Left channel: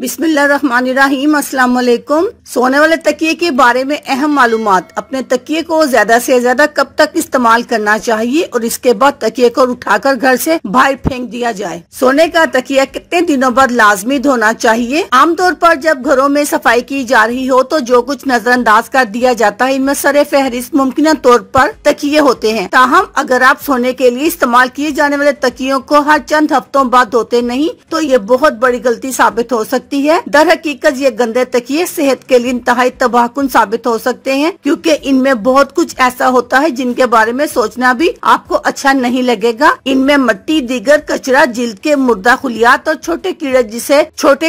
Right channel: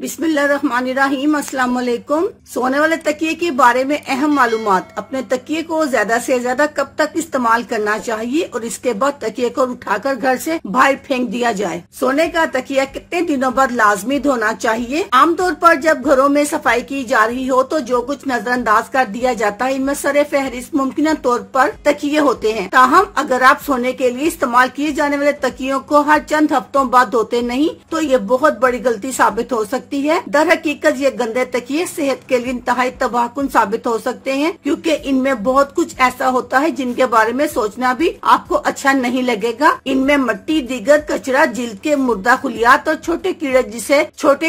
बिस्मिल्लाहिर्रहमानिर्रहीम। अस्सलाम वालेकुम। सोने वाले तकिए के बारे में अहम मालूमात। अपने तकिए को ज्यादा से ज्यादा कब तक इस्तेमाल करना चाहिए और इसके बाद तकिए को उठाकर घर से बाहर फेंक दिया जाए। सोने का तकिया कितने दिनों बाद लाजमी धोना चाहिए। आमतौर पर जब घरों में सफाई की जा रही हो तो जो कुछ नजरअंदाज कर दिया जाता है, इनमें सरे फहरिस्त मुमकिन तौर पर तकिए होते हैं। ताहम अगर आप सोने के लिए इस्तेमाल किए जाने वाले तकियों को हर चंद हफ्तों बाद धोते नहीं तो ये बहुत बड़ी गलती साबित हो सकती है। दर हकीकत ये गंदे तकिए सेहत के लिए इंतहाई तबाहकुन साबित हो सकते हैं, क्योंकि इनमें बहुत कुछ ऐसा होता है जिनके बारे में सोचना भी आपको अच्छा नहीं लगेगा। इनमें मट्टी, दीगर कचरा, जिल्द के मुर्दा खुलियात और छोटे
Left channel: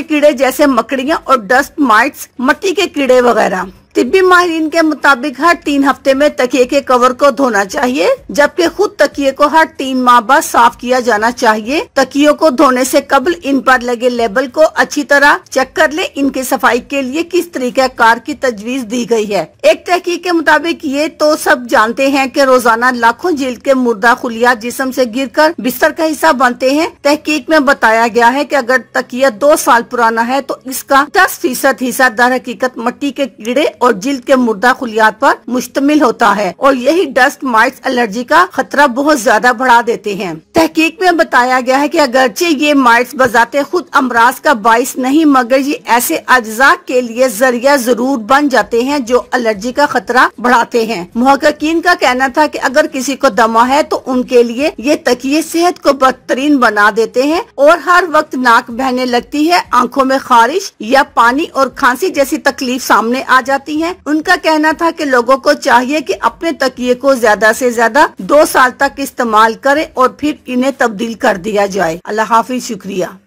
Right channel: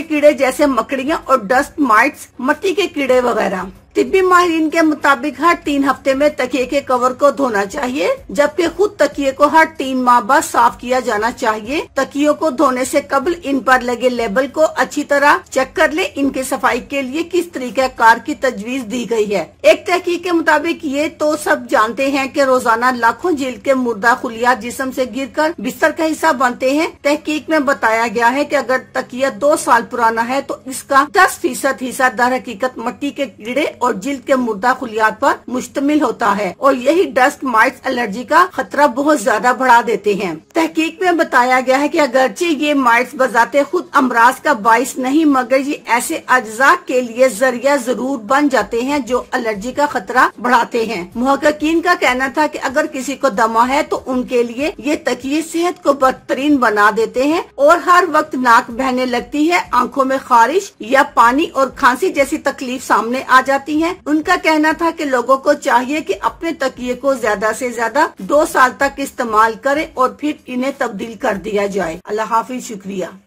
कीड़े जैसे मकड़ियाँ और डस्ट माइट्स, मट्टी के कीड़े वगैरह। तिब्बी माहिरीन के मुताबिक हर 3 हफ्ते में तकिए के कवर को धोना चाहिए, जबकि खुद तकिए को हर 3 माह बाद साफ किया जाना चाहिए। तकियों को धोने से कबल इन पर लगे लेबल को अच्छी तरह चेक कर ले। इनकी सफाई के लिए किस तरीके कार की तजवीज दी गई है। एक तहकीक के मुताबिक ये तो सब जानते हैं कि रोजाना लाखों जिल्द के मुर्दा खुलियात जिस्म से गिरकर बिस्तर का हिस्सा बनते हैं। तहकीक में बताया गया है कि अगर तकिया 2 साल पुराना है तो इसका 10% हिस्सा दर हकीकत मट्टी के कीड़े और जिल्द के मुर्दा खुलियात पर मुश्तमिल होता है और यही डस्ट माइट्स एलर्जी का खतरा बहुत ज्यादा बढ़ा देते हैं। तहकीक में बताया गया है कि अगरचे ये माइट्स बजाते खुद अमराज का बाइस नहीं, मगर ये ऐसे अज्जा के लिए जरिया जरूर बन जाते हैं जो एलर्जी का खतरा बढ़ाते हैं। मुहक्किकीन का कहना था कि अगर किसी को दमा है तो उनके लिए ये तकिए सेहत को बदतरीन बना देते हैं और हर वक्त नाक बहने लगती है, आंखों में खारिश या पानी और खांसी जैसी तकलीफ सामने आ जाती है। उनका कहना था कि लोगों को चाहिए कि अपने तकिए को ज्यादा से ज्यादा 2 साल तक इस्तेमाल करें और फिर इन्हें तब्दील कर दिया जाए। अल्लाह हाफिज, शुक्रिया।